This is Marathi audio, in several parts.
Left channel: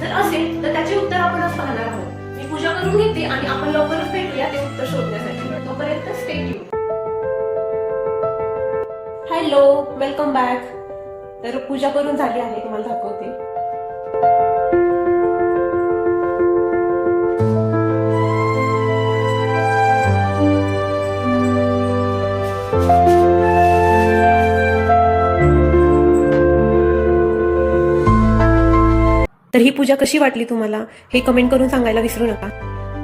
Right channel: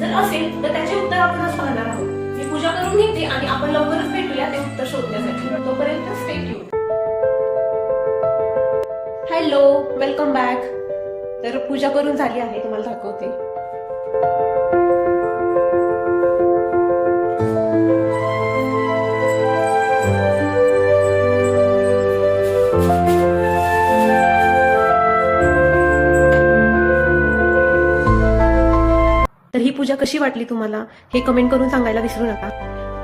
जर असेल तर त्याचे उत्तर आपण आज पाहणार आहोत. मी पूजा करून घेते आणि आपण लवकरच भेटूया ते उत्तर शोधण्यासाठी. तोपर्यंत stay tune. Hello, welcome back. तर पूजा करून झाली आहे, तुम्हाला दाखवते. तर ही पूजा कशी वाटली तुम्हाला हे कमेंट करून सांगायला विसरू नका.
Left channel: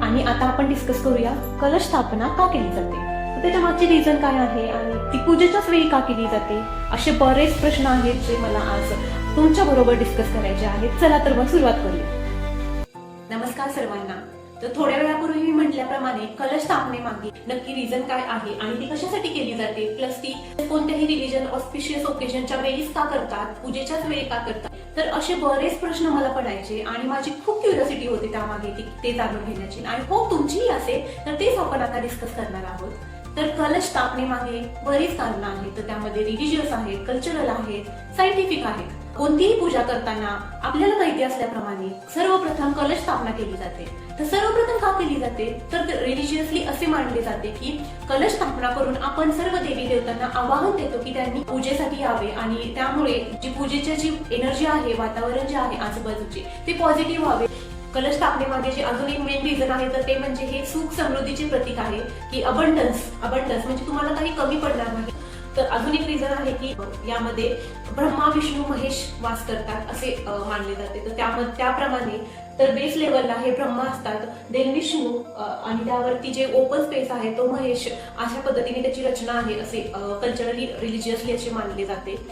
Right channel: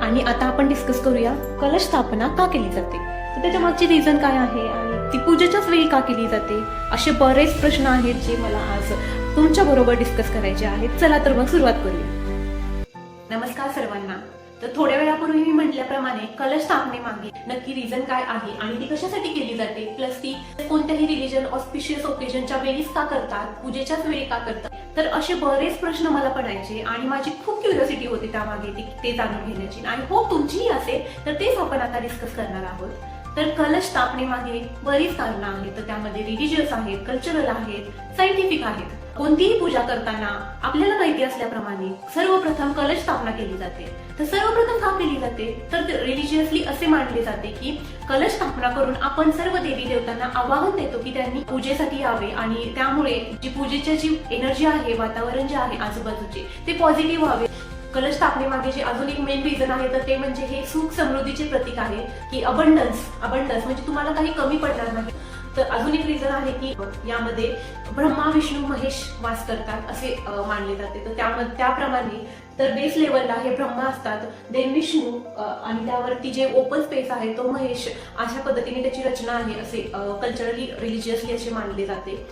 आणि आता आपण डिस्कस करूया कलश स्थापना का केली जाते, तर त्याच्या मागची रिझन काय आहे आणि ती पूजेच्याच वेळी का केली जाते, असे बरेच प्रश्न आहेत जे मला आज तुमच्या बरोबर डिस्कस करायचे आहेत. चला तर मग सुरुवात करूया. नमस्कार सर्वांना. तर थोड्या वेळापूर्वी मी म्हटल्याप्रमाणे कलश स्थापनेमागे नक्की रिझन काय आहे आणि ती कशासाठी केली जाते, प्लस ती कोणत्याही रिलीजन ऑस्पिशियस ओकेजनच्या वेळीच का करतात, पूजेच्याच वेळी का करतात, तर असे बरेच प्रश्न मला पडायचे आणि माझी खूप क्युरिओसिटी होती त्यामागे ते जाणून घेण्याची. आणि होप तुमचीही असेल तर तेच आपण आता डिस्कस करणार आहोत. तर कलश स्थापनेमागे बरीच कारणं आहेत. तर त्यामध्ये रिलिजियस आहेत, कल्चरल आहेत, सायंटिफिक आहेत. कोणतीही पूजा करताना आपल्याला माहिती असल्याप्रमाणे सर्वप्रथम कलश स्थापना केली जाते. तर सर्वप्रथम का केली जाते, तर रिलिजियसली असे मानले जाते की कलश स्थापना करून आपण सर्व देवी देवतांना आवाहन देतो की त्यांनी पूजेसाठी यावे आणि त्यामुळे जी पूजेची जी एनर्जी आहे, वातावरण जे आहे आजूबाजूचे, ते पॉझिटिव्ह व्हावे. कलश स्थापनेमागे जे अजून एक मेन रिझन आहे तर ते म्हणजे हे सुख समृद्धीचे प्रतीक आहे की अबंडन्स म्हणजे तुम्हाला काही कमी पडणार नाही. तर अजून एक रिझन आहे की यामध्ये ब्रह्मा विष्णू महेश वास करतात असे मानले जाते. तर त्याप्रमाणे तर बेस लेवलला हे ब्रह्मा असतात, देन विष्णू आणि त्यावरती जे ओपन स्पेस आहे तो महेश. अशा पद्धतीने त्याची रचना आहे असे कल्चरली रिलिजियसली असे मानले जाते.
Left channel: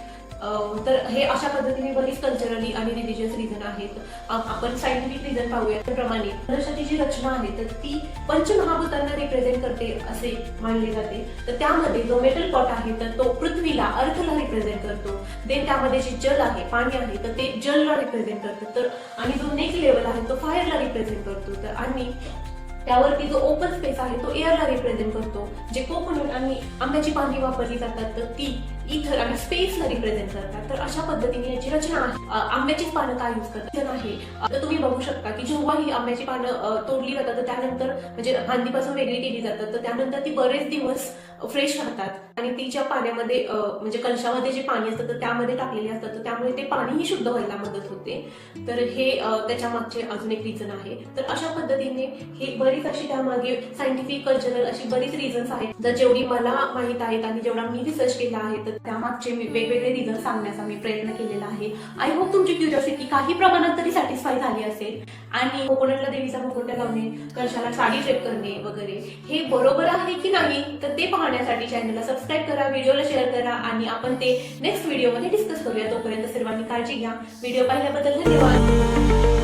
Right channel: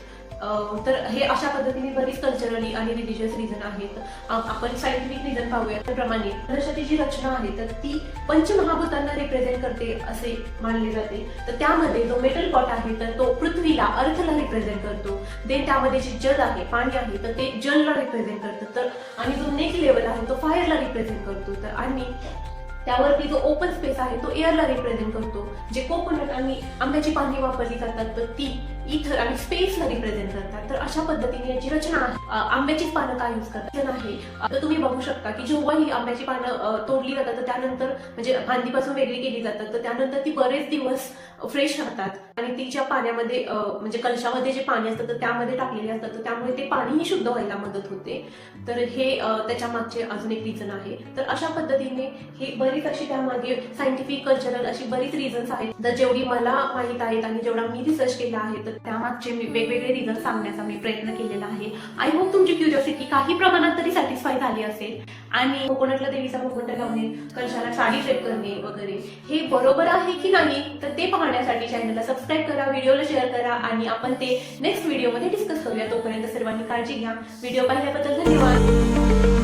तर हे अशा पद्धतीने बरीच कल्चरली आणि रिलिजियस रिझन आहेत. आपण सायंटिफिक रिझन पाहूया. त्याप्रमाणे कलशाची जी रचना आहे तर ती पंचमहाभूतांना रिप्रेझेंट करते असे मानले जाते. तर त्यामध्ये जो मेटल पॉट आहे तर तो पृथ्वीला, अर्थला रिप्रेझेंट करतो. देन त्यामध्ये जे जल आहे, पाणी आहे तर ते जलला रिप्रेझेंट करतं. तर आणि जो नेक्स्ट लेवल आहे तो फायरला रिप्रेझेंट करतो. तर आणि त्यावरती जो ओपन स्पेस आहे तो एअरला रिप्रेझेंट करतो. जे कोकोनट आणि आंब्याची पाने वापरली जातात तर ती इथर आणि स्पेसला रिप्रेझेंट करतात. तर अशा पद्धतीने याची रचना आहे. आंब्याचीच पानं काय यूज करतात आहे. तर तुम्ही बघू शकता की जेव्हा ही आंब्याची पानं तोडली जातात तर त्यानंतर म्हणजे फांदीपासून वेगळी केली जातात तर त्यानंतर ती बरेच दिवस फ्रेश राहतात आणि तिच्या पाण्यामध्ये म्हणजे कलशामध्ये जे पाणी असतं तर त्यामध्ये टाकलेले असतात तर त्यामुळे ते पाणीही शुद्ध व्हायला मदत होते. तर हे त्याच्या मागचे अजून एक रिझन आहे. तर अशा पद्धतीने हे बरीच अशी त्यामागे सायंटिफिक, कल्चरल अशी बरीच रिझन्स आहेत. तर जेवढी मला माहित आहेत आणि जेवढा मी रिसर्च केला आहे तर त्यामागचे वेगवेगळे रिझन सांगण्याचा मी प्रयत्न केलेला आहे. आय होप तुमची क्युरिओसिटी काही प्रमाणात तरी सॅटिस्फाय झाली असेल. आणि कोकोनटला देवीचा मुकुट लावणे, कलशाला साडी सेट करणे वगैरे हे बरोबर आहे की नाही तर ते पाहण्यासाठी चॅनलला सबस्क्राईब करा, व्हिडिओला शेअर करा आणि आपण ते नेक्स्ट व्हिडिओमध्ये डिस्कस करूया. तोपर्यंत सर्वांनी काळजी घ्या. व्हिडिओ पाहिल्याबद्दल धन्यवाद.